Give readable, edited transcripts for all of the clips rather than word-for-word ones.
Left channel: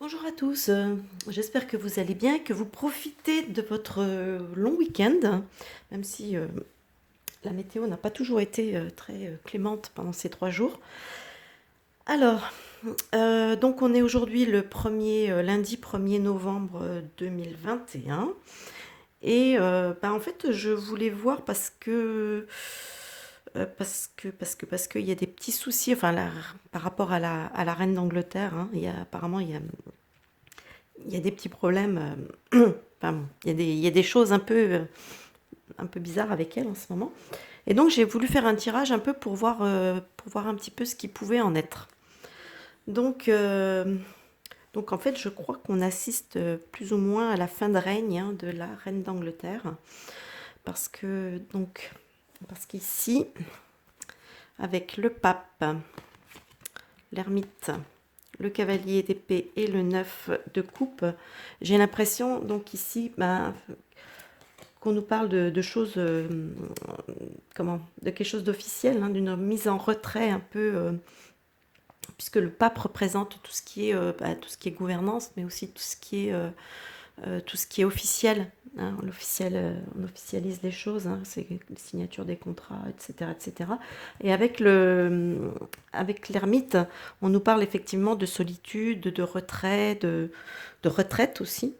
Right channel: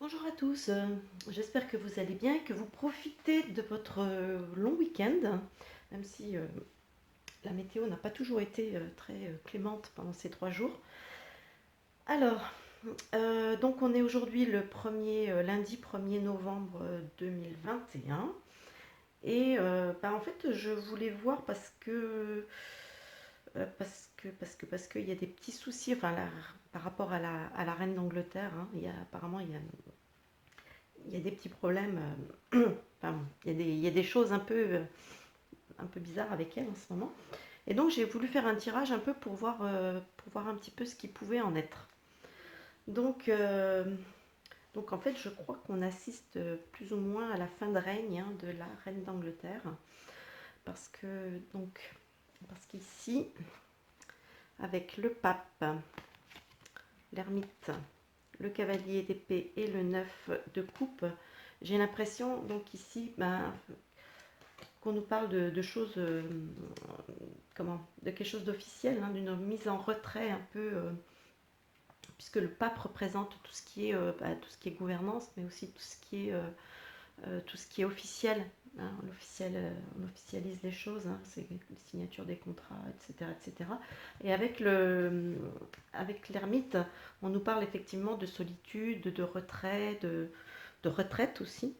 Bonjour à tous, j'espère que vous allez bien, que vous profitez de votre long week-end, même si la météo n'a pas toujours été très clémente pendant ces 3 jours. Alors, donc on est aujourd'hui le lundi 1er novembre 2021. Et bah, en fait, je voulais voir parce qu'il y a des petits soucis, enfin, par rapport à la reine d'Angleterre, hein, apparemment, il y a des petits problèmes. Enfin, bon, il y a des choses un peu bizarres avec elle en ce moment. Et donc j'ai voulu faire un tirage un peu pour voir un petit peu ce qui pouvait en être. Donc, euh, donc en fait, je crois qu'on assiste plus ou moins à la fin de règne, hein, de la reine d'Angleterre. Parce que, donc, parce qu'ici, avec le pape, l'ermite, le cavalier d'épée et le 9 de coupe, j'ai l'impression, donc ici, ben, qu'on nous parle de choses, de quelque chose d'officiel, hein, d'une mise en retrait un peu, puisque le pape représente tout ce qui est gouvernance, mais aussi tout ce qui est officiel. Hein, on officialise les choses, hein, c'est les signatures des contrats, etc., etc. Et avec l'ermite, on nous parle effectivement de solitude, de retrait, de retraite aussi,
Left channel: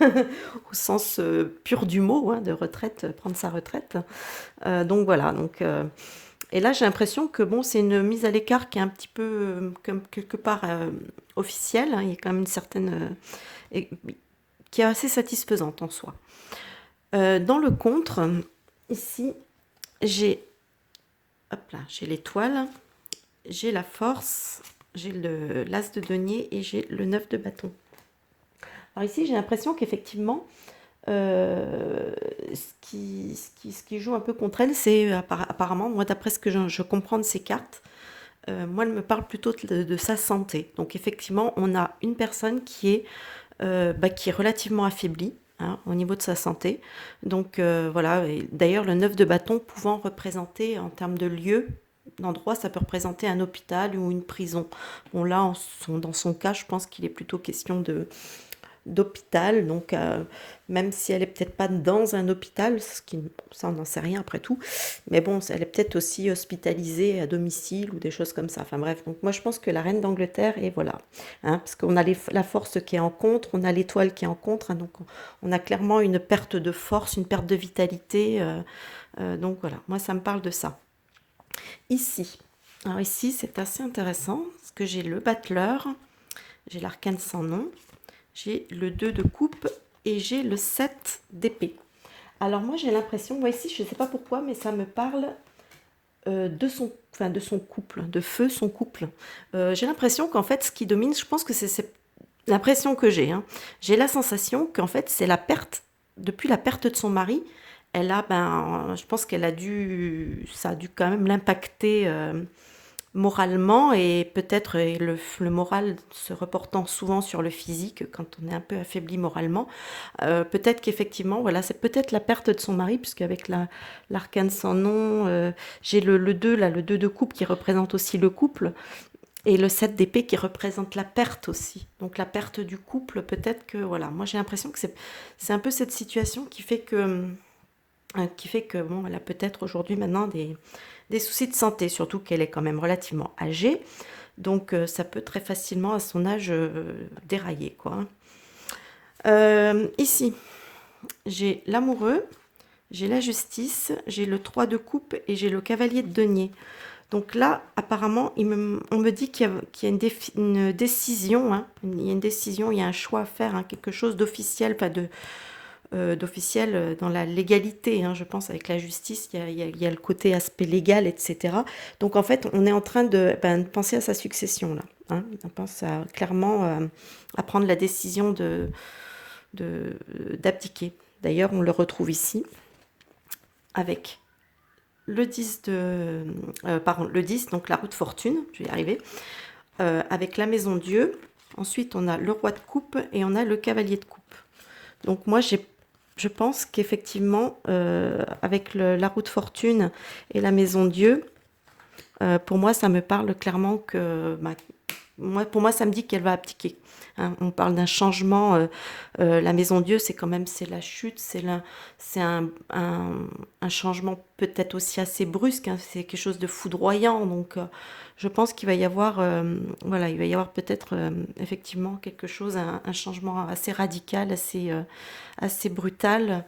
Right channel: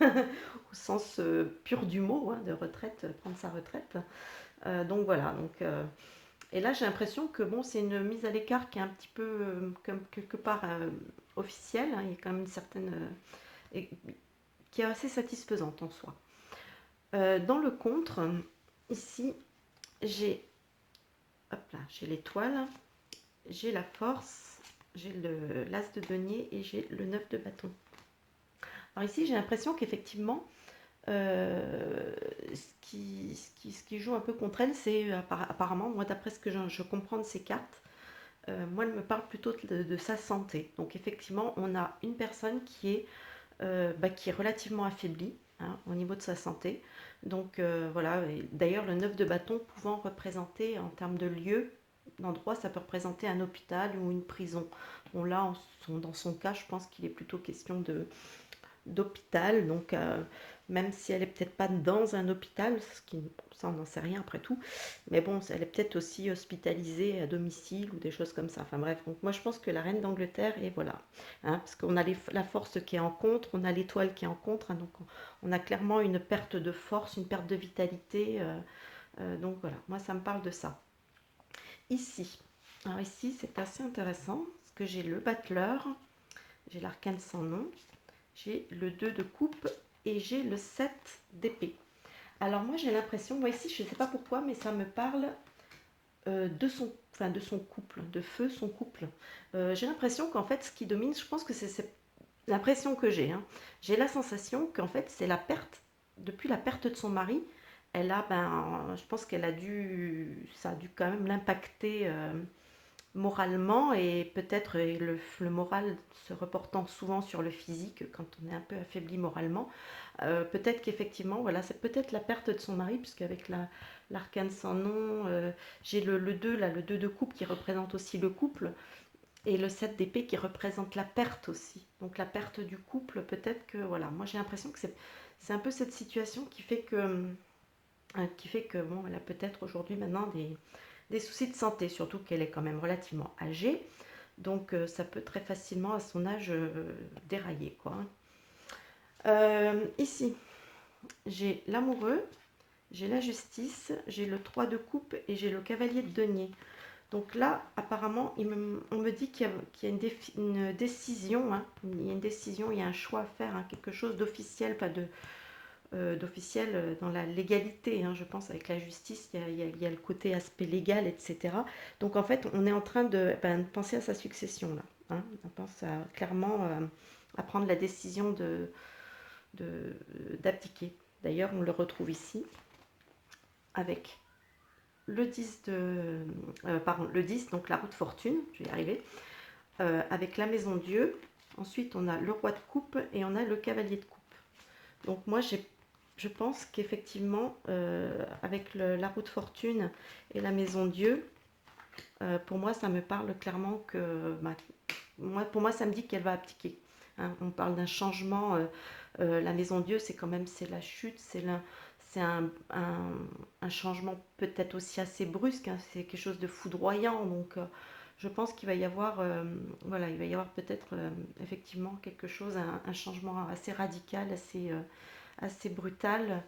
au sens pur du mot, hein, de retraite, prendre sa retraite. Donc voilà. Et là, j'ai l'impression que bon, c'est une mise à l'écart qui est un petit peu, comme quelque part officielle. Hein. Il y a quand même une certaine qui est assez satisfaisante en soi. Dans le contre, ici, j'ai j'ai l'étoile, j'ai la force, j'ai l'as de denier et j'ai le 9 de bâton. Alors ici, j'ai l'impression qu'effectivement, ce qui joue un peu contre elle, c'est apparemment, moi d'après ce que je comprends de ces cartes, moi elle me parle plutôt de sa santé. Donc effectivement, on a une personne qui est relativement affaiblie, hein, au niveau de sa santé. Donc voilà, d'ailleurs le 9 de bâton pouvant représenter en termes de lieu, d'endroit, ça peut représenter un hôpital ou une prison. Bon là, dans son cas, je pense qu'il est plutôt question d'hôpital, donc même si elle est peut-être pas dans un hôpital, ça on n'en sait rien après tout, mais bon, elle est peut-être aussi hospitalisée à domicile ou des choses comme ça. Enfin bref, donc moi je pense que la reine d'Angleterre, et voilà, hein, parce qu'on a la force qui est en contre, on a l'étoile qui est en contre, hein, donc on a clairement une perte de force, une perte de vitalité, donc voilà, moi ça me parle de ça. Ici, alors ici c'est assez intéressant, parce que j'ai le battleur, j'ai l'arcane sans nom, j'ai le 2 de coupe et j'ai le 7 d'épée. Alors moi j'ai l'impression, moi ici je ne sais pas pourquoi, mais ça me parle de son couple, de feu son couple. J'ai l'impression qu'en fait ce qui domine, je pense que c'est l'impression que j'ai. Hein. J'ai la sensation qu'en fait c'est depuis la perte de son mari, je pense ça a dû quand même l'impacter moralement et peut-être le moral se reportant souvent sur le physique quand on est un peu affaibli moralement. Peut-être qu'effectivement, voilà, c'est peut-être la perte de son mari, puisque avec l'arcane sans nom, j'ai le 2, là, le 2 de coupe qui représente aussi le couple, et le 7 d'épée qui représente la perte aussi. Donc la perte du couple, peut-être que, voilà, moi j'ai l'impression que c'est un peu cette situation qui fait que bon, elle a peut-être aujourd'hui maintenant des soucis de santé, surtout qu'elle est quand même relativement âgée. Donc ça peut très facilement à son âge dérailler, quoi. Ici, j'ai l'amoureux, j'ai la justice, j'ai le 3 de coupe et j'ai le cavalier de denier. Donc là, apparemment, on me dit qu'il y a une décision, hein, il y a une décision, il y a un choix à faire, hein, quelque chose d'officiel, pas d'officiel dans la légalité, hein, je pense, avec la justice, il y a le côté aspect légal, etc. Donc en fait, on est en train de penser à sa succession, là. Hein. On pense clairement à prendre la décision d'abdiquer. D'ailleurs, on le retrouve ici avec le 10, donc la roue de fortune, je vais y arriver, avec la maison Dieu. Ensuite, on a le roi de coupe et on a le cavalier de coupe. Donc moi, je pense qu'effectivement, avec la roue de fortune et la maison Dieu, pour moi, ça me parle clairement que Pour moi, ça me dit qu'elle va abdiquer. Hein. On parle d'un changement. La maison Dieu, c'est quand même c'est la chute, c'est un changement peut-être aussi assez brusque. Hein. C'est quelque chose de foudroyant. Donc, je pense qu'il va y avoir, voilà, il va y avoir peut-être effectivement quelque chose, un changement assez radical, assez brutal.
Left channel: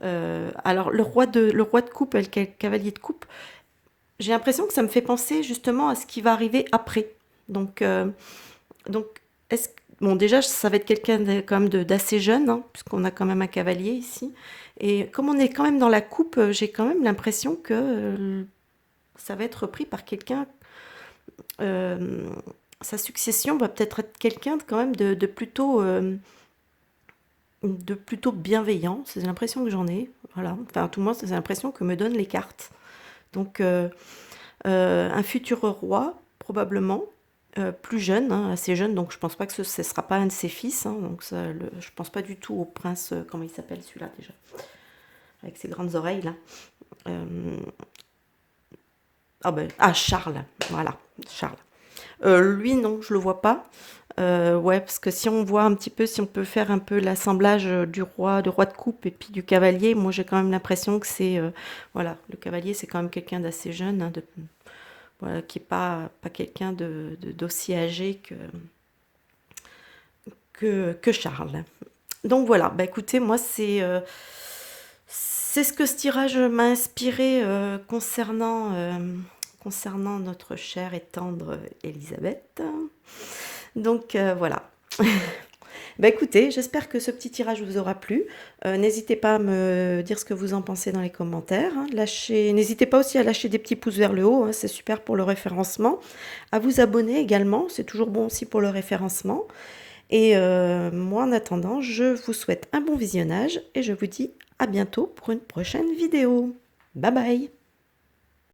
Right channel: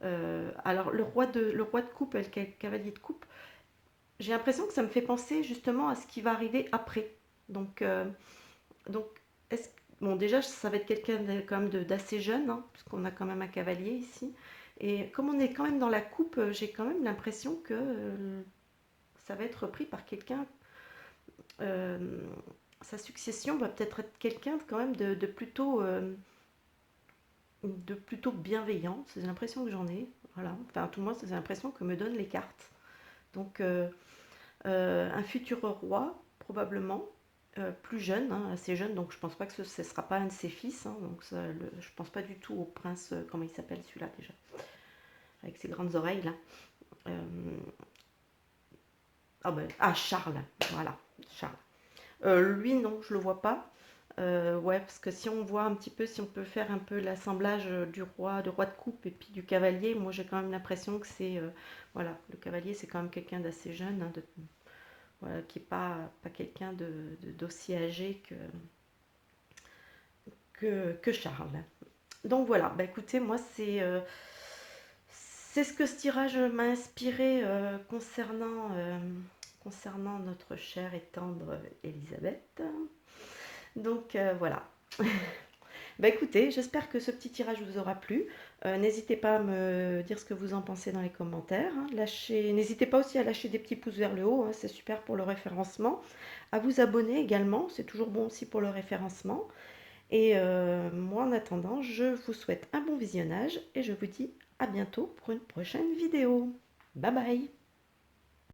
Alors, le roi de coupe et le cavalier de coupe, j'ai l'impression que ça me fait penser justement à ce qui va arriver après. Donc, donc est-ce bon, déjà, ça va être quelqu'un quand même d'assez jeune, hein, puisqu'on a quand même un cavalier ici. Et comme on est quand même dans la coupe, j'ai quand même l'impression que ça va être repris par quelqu'un. euh, Sa succession va peut-être être quelqu'un quand même de plutôt bienveillant. C'est l'impression que j'en ai. Voilà. Enfin, tout le monde, c'est l'impression que me donnent les cartes. Donc, un futur roi, probablement, plus jeune, hein, assez jeune, donc je pense pas que ce ne sera pas un de ses fils. Hein, donc je pense pas du tout au prince, comment il s'appelle celui-là déjà, avec ses grandes oreilles là. Euh, Charles, voilà, Charles. Lui, non, je le vois pas. Ouais, parce que si on voit un petit peu, si on peut faire un peu l'assemblage du roi de coupe et puis du cavalier, moi j'ai quand même l'impression que c'est, voilà, le cavalier c'est quand même quelqu'un d'assez jeune, hein, voilà, qui n'est pas quelqu'un d'aussi âgé que Charles. Donc voilà, bah écoutez, moi c'est ce que ce tirage m'a inspiré concernant notre chère et tendre Elisabeth. Donc voilà. Bah écoutez, j'espère que ce petit tirage vous aura plu. N'hésitez pas à me dire ce que vous en pensez dans les commentaires. Hein. N'hésitez pas aussi à lâcher des petits pouces vers le haut, hein, c'est super pour le référencement. À vous abonner également, c'est toujours bon aussi pour le référencement. Et moi en attendant, je vous souhaite un bon visionnage et je vous dis à bientôt pour une prochaine vidéo. Bye bye!